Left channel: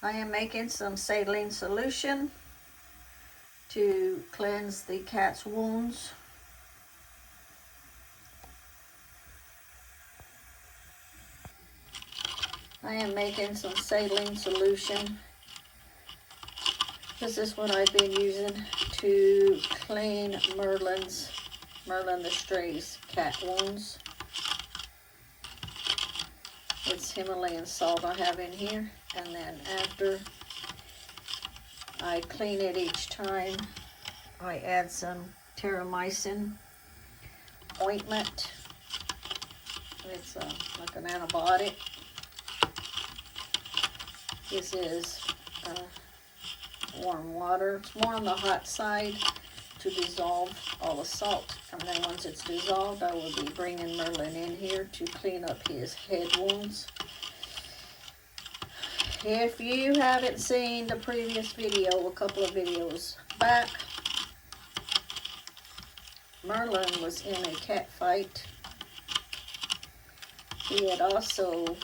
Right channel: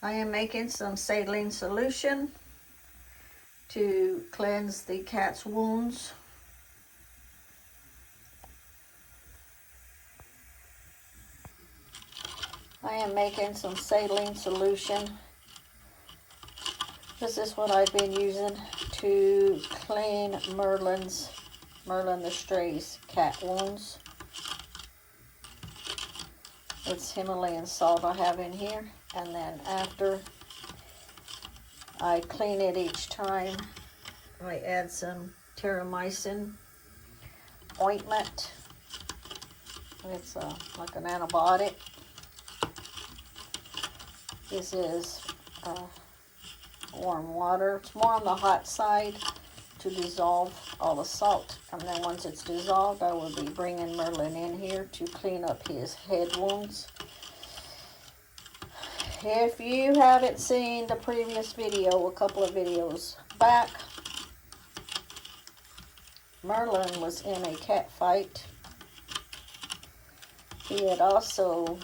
I am making some saline solution to cleanse the cat's wounds. I am making some saline solution. This is what I've been using to clean Merlin the Stray's cat wounds. It's Himalayan salt I have in here, and then after I clean it each time, I add some terramycin ointment. It's like an antibiotic. This is warm water. It's more on the hot side to dissolve all the salt. And then once it's dissolved, I will be bringing Merlin in here to clean up his head wounds. If you haven't seen the previous video, a couple of videos back, Merlin was in a cat fight. He had also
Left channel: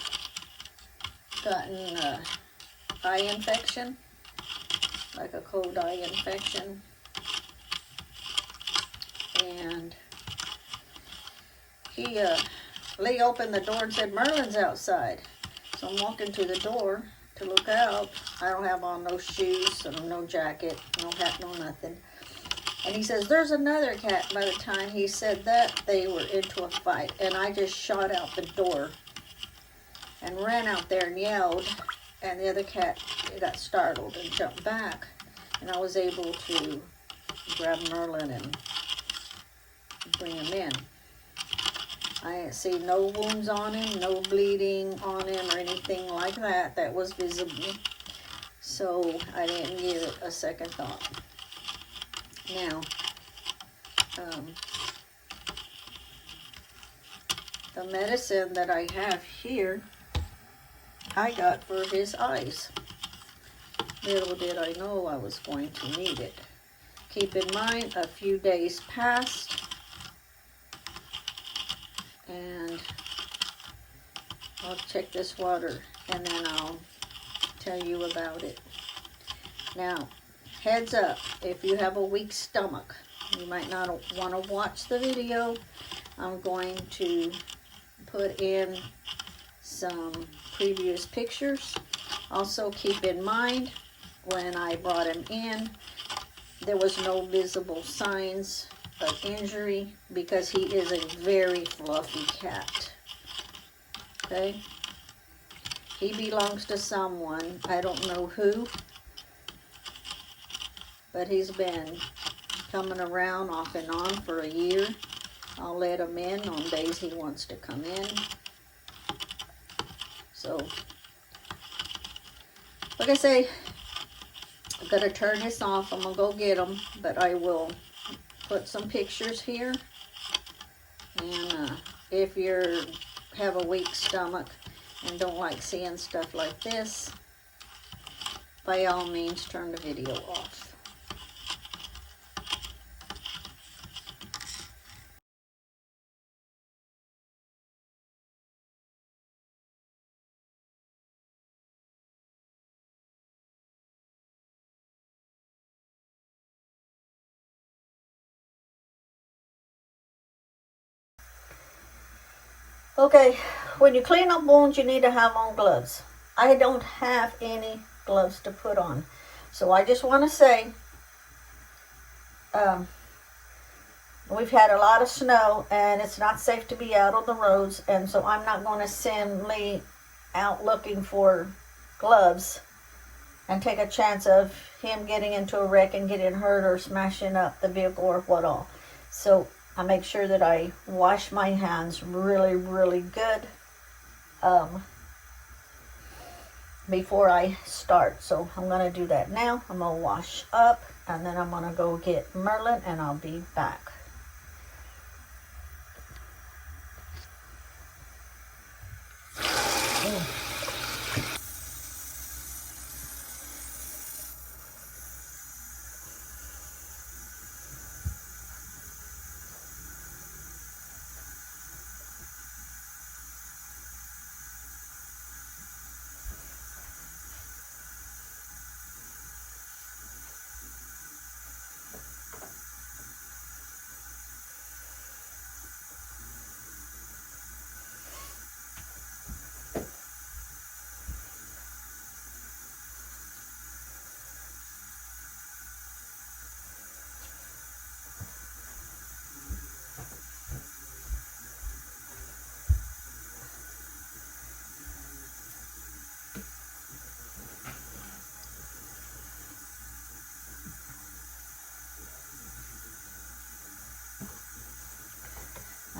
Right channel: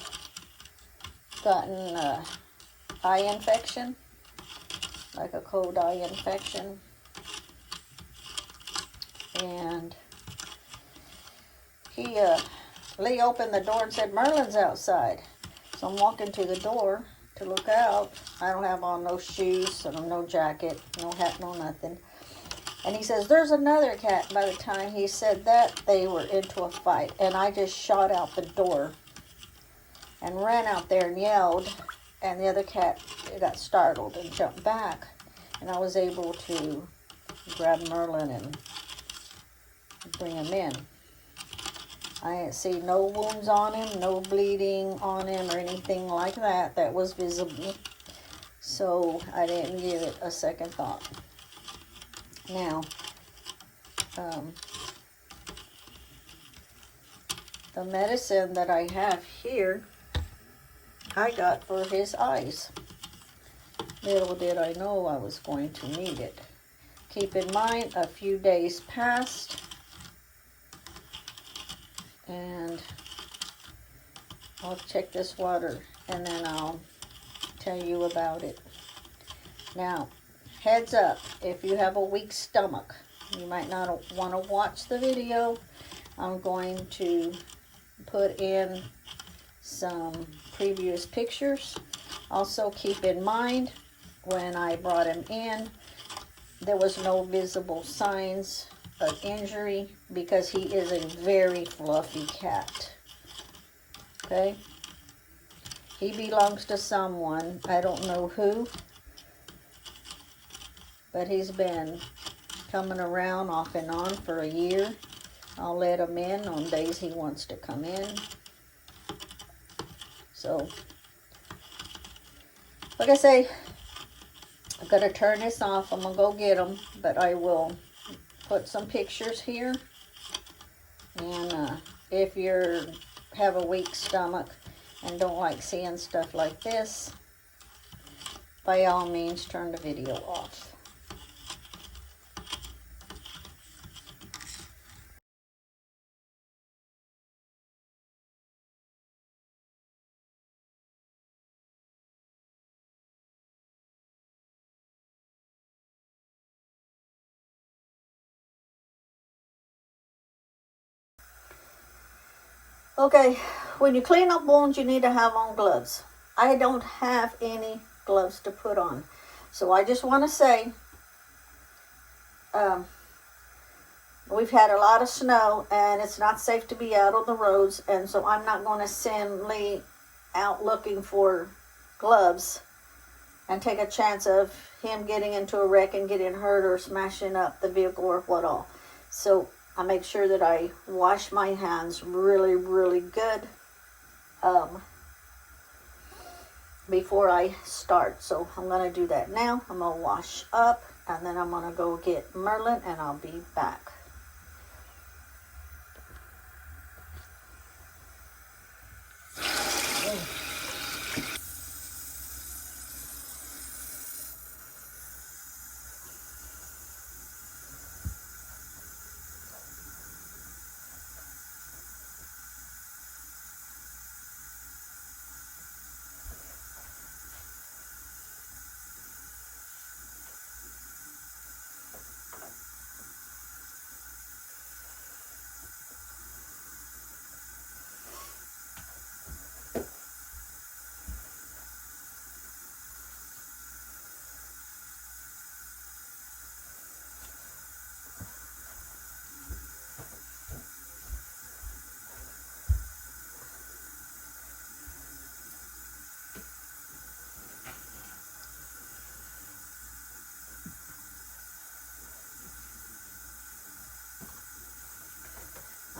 gotten an eye infection, like a cold eye infection. And Lee opened the door and said, "Merlin's outside." So I'm walking to the door to look out. I don't have on no shoes, and no jacket, no hat, no nothing. And he says, "There's another cat." By the time he said that, they were into a fight. And I just shot out the door and ran out there and yelled. And the other cat got startled and jumped back. And I was able to grab Merlin and bring him in. I didn't see no wounds on him, no bleeding on him or anything like that that was visible. So I didn't give it a second thought. Now, the medicine that I have here, I got for his eyes. Little did I know I was going to need it. Keep in mind, a few days passed, and I'll check this water and then I'll tell you about it. Now, heads up, if you have a weak stomach, you might not want to watch the video. I'm going to put in some previous pictures. Also keep in mind, when I brought him in, there was no visible signs of injury because he is a very fluffy cat. Okay? He belongs to someone. I don't know who, but he's been coming around off and on for a year. I'll let him in on days he wants to come in. So, like I say, I'm going to turn this off. I'm going to go get him, but I will put some pictures here. And if you have a weak stomach and don't like seeing stuff like this, by all means, turn the video off. Okay, when you clean up wounds, you need to have on gloves. I don't have any gloves to put on. So I just want to say, we've had a lot of snow and it's not safe to be out on the roads. And so I'm not going to send Lee out looking for gloves and take a chance of him getting into a wreck and getting hurt or smashing up the vehicle or what all. So I make sure that I wash my hands really, really good before I start. So I'm going to do that now. I'm going to wash up and then I'm going to go get Merlin and I'll be back.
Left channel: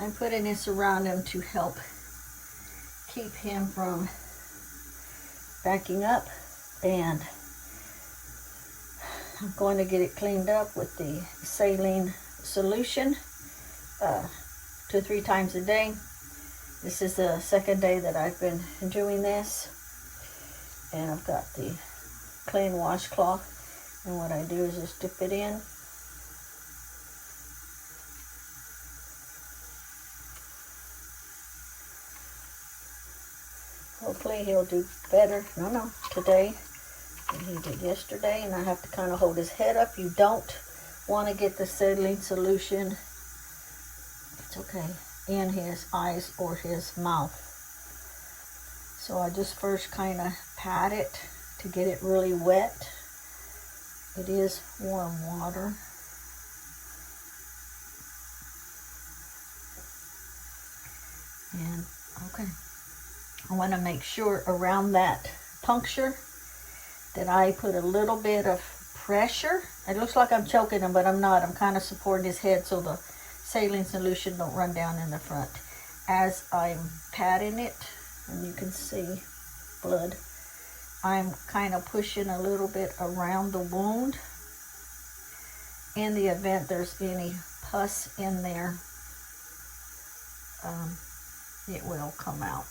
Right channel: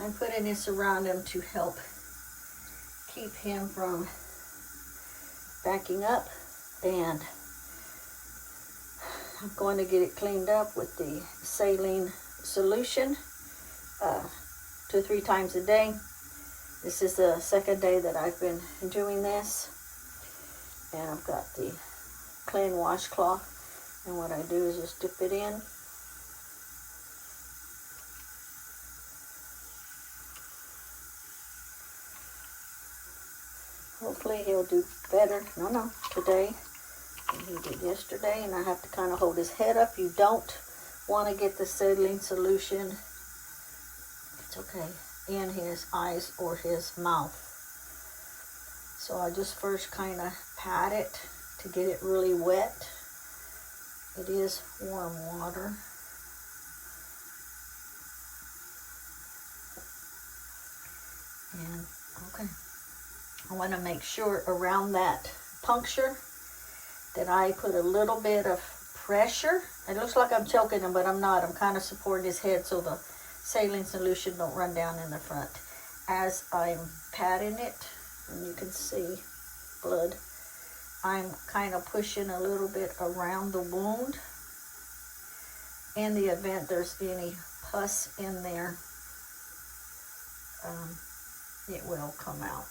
I'm putting this around him to help keep him from backing up, and I'm going to get it cleaned up with the saline solution 2 or 3 times a day. This is the second day that I've been doing this, and I've got the clean washcloth, and what I do is just dip it in. Hopefully he'll do better, today than he did yesterday, and I have to kind of hold his head up. You don't want to get the saline solution, it's okay, in his eyes or his mouth. So I just first kind of pat it to get it really wet. It is warm water. And okay, I want to make sure around that puncture that I put a little bit of pressure. It looks like I'm choking him, but I'm not. I'm kind of supporting his head so the saline solution don't run down in the front. As I'm patting it, and you can see blood, I'm kind of pushing a little bit around the wound. In the event there's any pus in there, it will come out.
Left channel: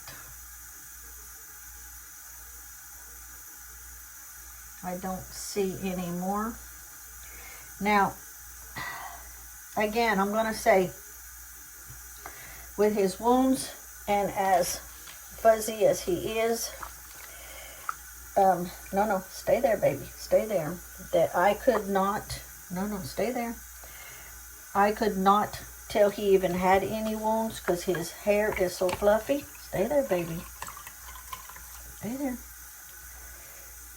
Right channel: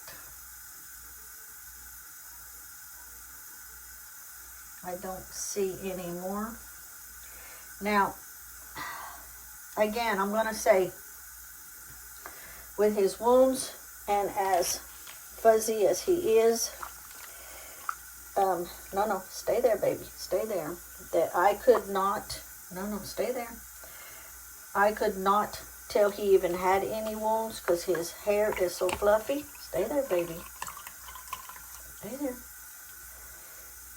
I don't see any more. Now, again, I'm going to say, with his wounds and as fuzzy as he is, no, stay there, baby, stay there. That I could not, no, stay there. I could not tell he even had any wounds because his hair is so fluffy. Stay there, baby. Stay there.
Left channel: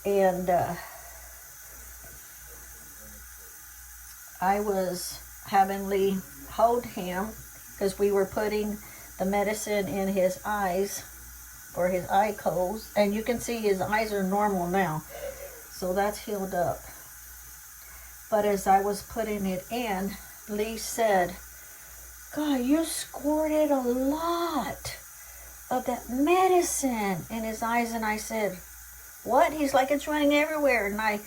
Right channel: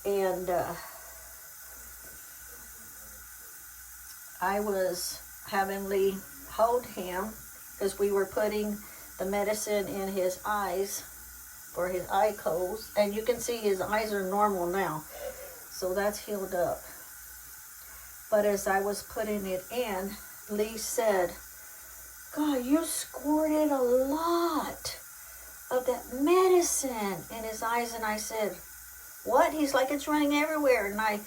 And I was having Lee hold him because we were putting the medicine in his eyes for his eye coals, and you can see his eyes are normal now, so that's healed up. But as I was putting it in, Lee said, "God, you squirted a lot of that medicine in his eyes." And I said, "What?" He's like, "It's running everywhere." And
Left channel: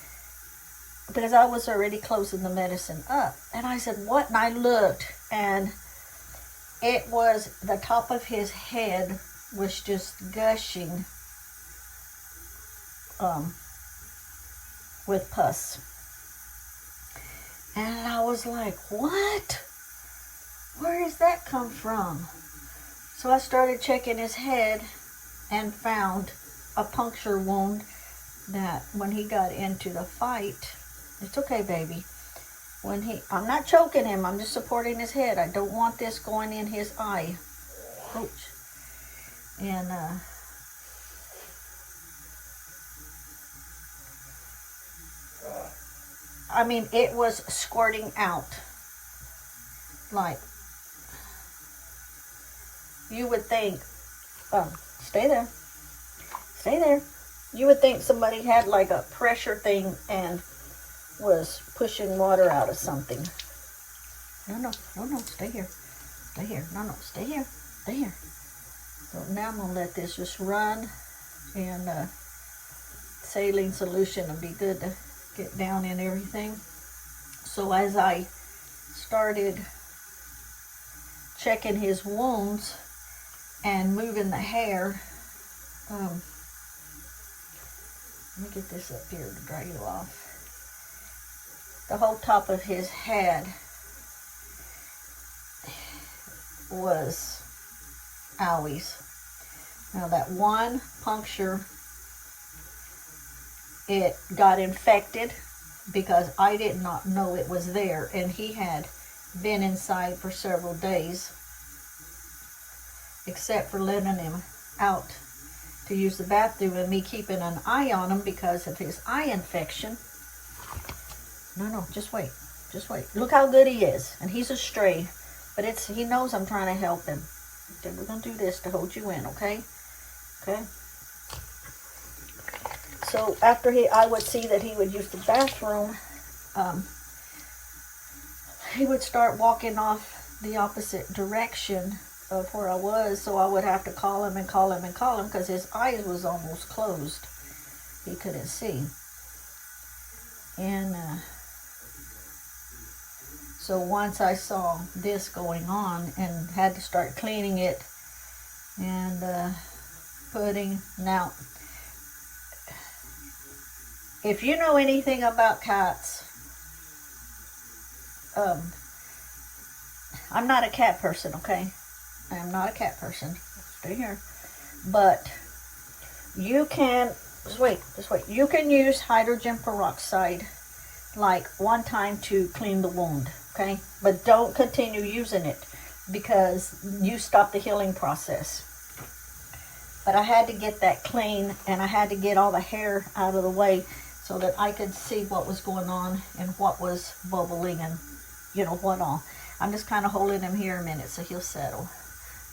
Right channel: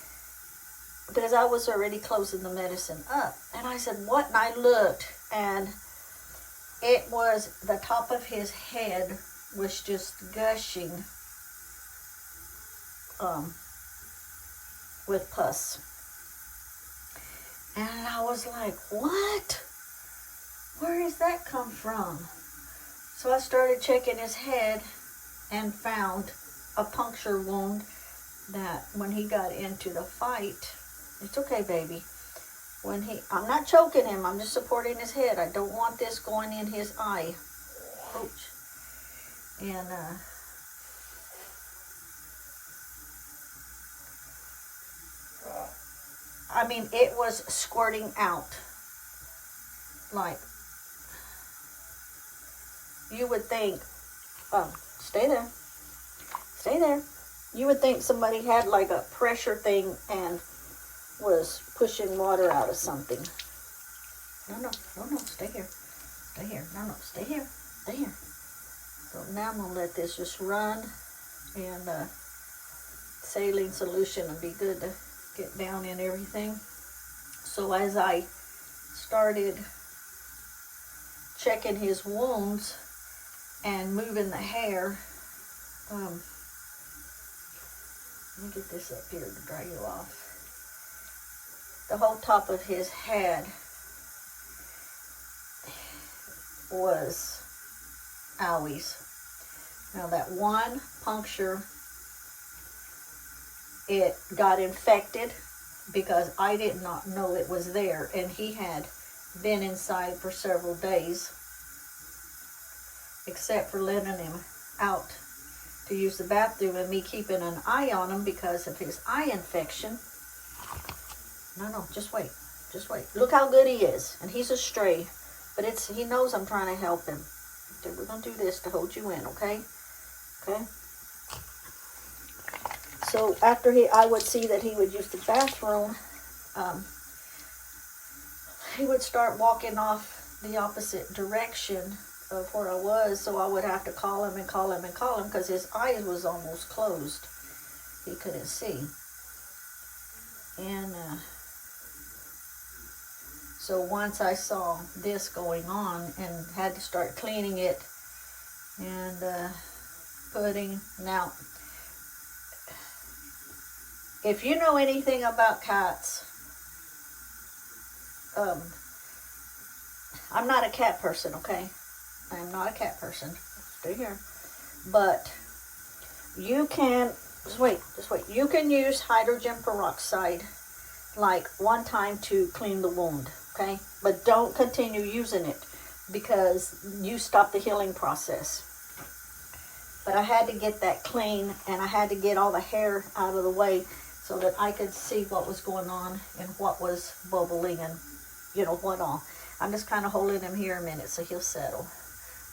because I was already closing the medicine up, and I said, "What?" And I looked, and it was the top of his head was just gushing with pus. And I was like, "What? Where does that come from?" So I started checking his head and found a puncture wound that when he got into the fight, it's okay, baby. I'm not choking him, I'm just supporting his head. I don't want this going in his eye. Ouch. And I mean, it was squirting out. Like, you would think, stay there. Stay there. You would think somebody had like a pressure thing and was pushing water out of something. No, stay here. Stay here. No, stay here. Stay here. So now I'm going to let this just run, and saline solution will be good to get down in everything. So as I started checking his wounds and moving the hair, let me get this up here to dry you off. The whole top of his head was owies. Now that one puncture, it got infected because I did not know it was there, and he had been inside for several days, except for letting him out to use the bathroom and me keeping an eye on him because of his eye infection. No, just wait. Just wait. Look how good he is. And he's a stray. But he knows I'm trying to help him. Okay, we're going to do this to hold you in, okay? Okay? So after I would see that he would use the bathroom, he would start walking off the opposite direction of where I was, so I would have to call him and call him and call him because his eyes was almost closed. He couldn't see. And so once I saw this going on and had to start cleaning it and now, if you know anything about cats, I'm not a cat person, okay? I am not a cat person. Stay here. But you can, just wait. You can use hydrogen peroxide like one time to clean the wound, okay? But don't continue using it because you stop the healing process. But I had to get that clean, and I had to get all the hair out of the way so that I could see what was going on and what was bubbling and, you know, what all. I'm just kind of holding him here a minute so he'll settle.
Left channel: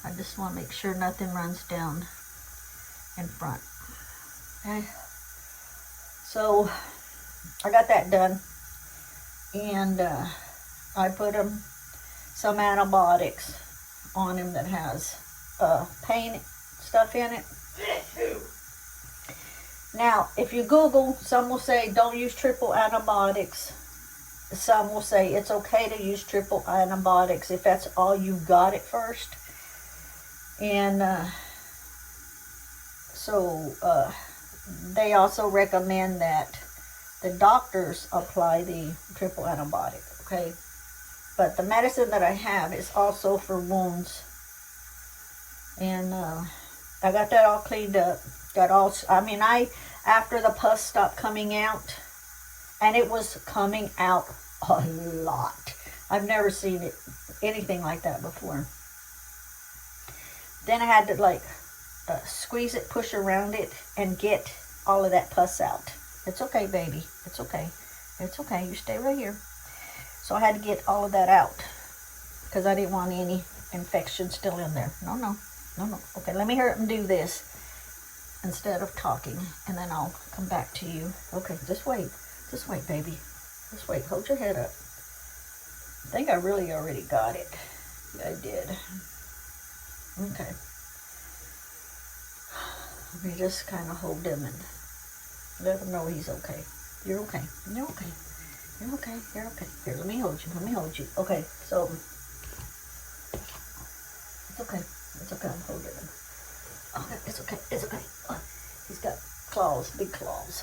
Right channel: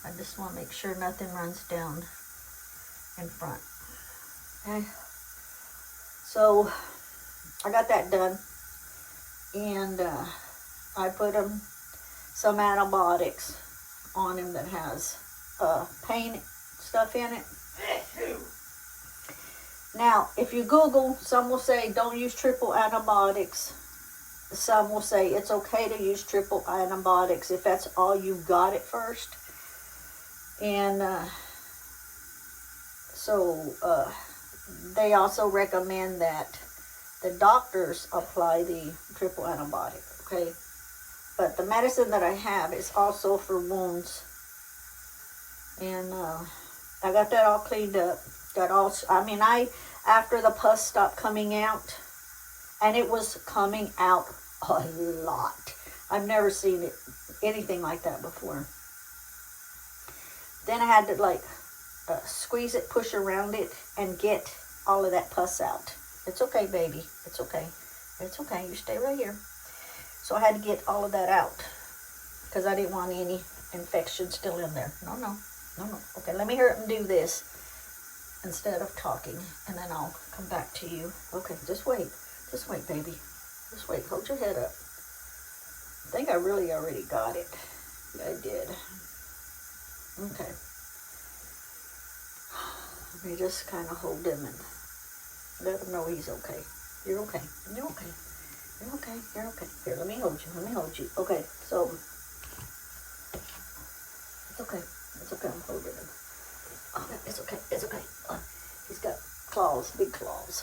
I just want to make sure nothing runs down in front. Okay. So I got that done, and I put some antibiotics on him that has pain stuff in it. Now, if you Google, some will say don't use triple antibiotics. Some will say it's okay to use triple antibiotics if that's all you've got at first. And they also recommend that the doctors apply the triple antibiotic, okay? But the medicine that I have is also for wounds. And I got that all cleaned up. After the pus stopped coming out, and it was coming out a lot. I've never seen anything like that before. Then I had to squeeze it, push around it, and get all of that pus out. It's okay, baby. It's okay. It's okay. You stay right here. So I had to get all of that out because I didn't want any infection still in there. No. Okay, let me hurry up and do this instead of talking, and then I'll come back to you. Okay, just wait. Just wait, baby. Just wait. Hold your head up. I think I really already got it. Yeah, I did. Okay. Let me just kind of hold him and let him know he's okay. You're okay. You're okay. You're okay. You're okay. Here, let me hold you. Let me hold you. Okay, so it's okay. It's okay. I'm holding him. Okay, it's okay. It's okay. He's got claws, big claws.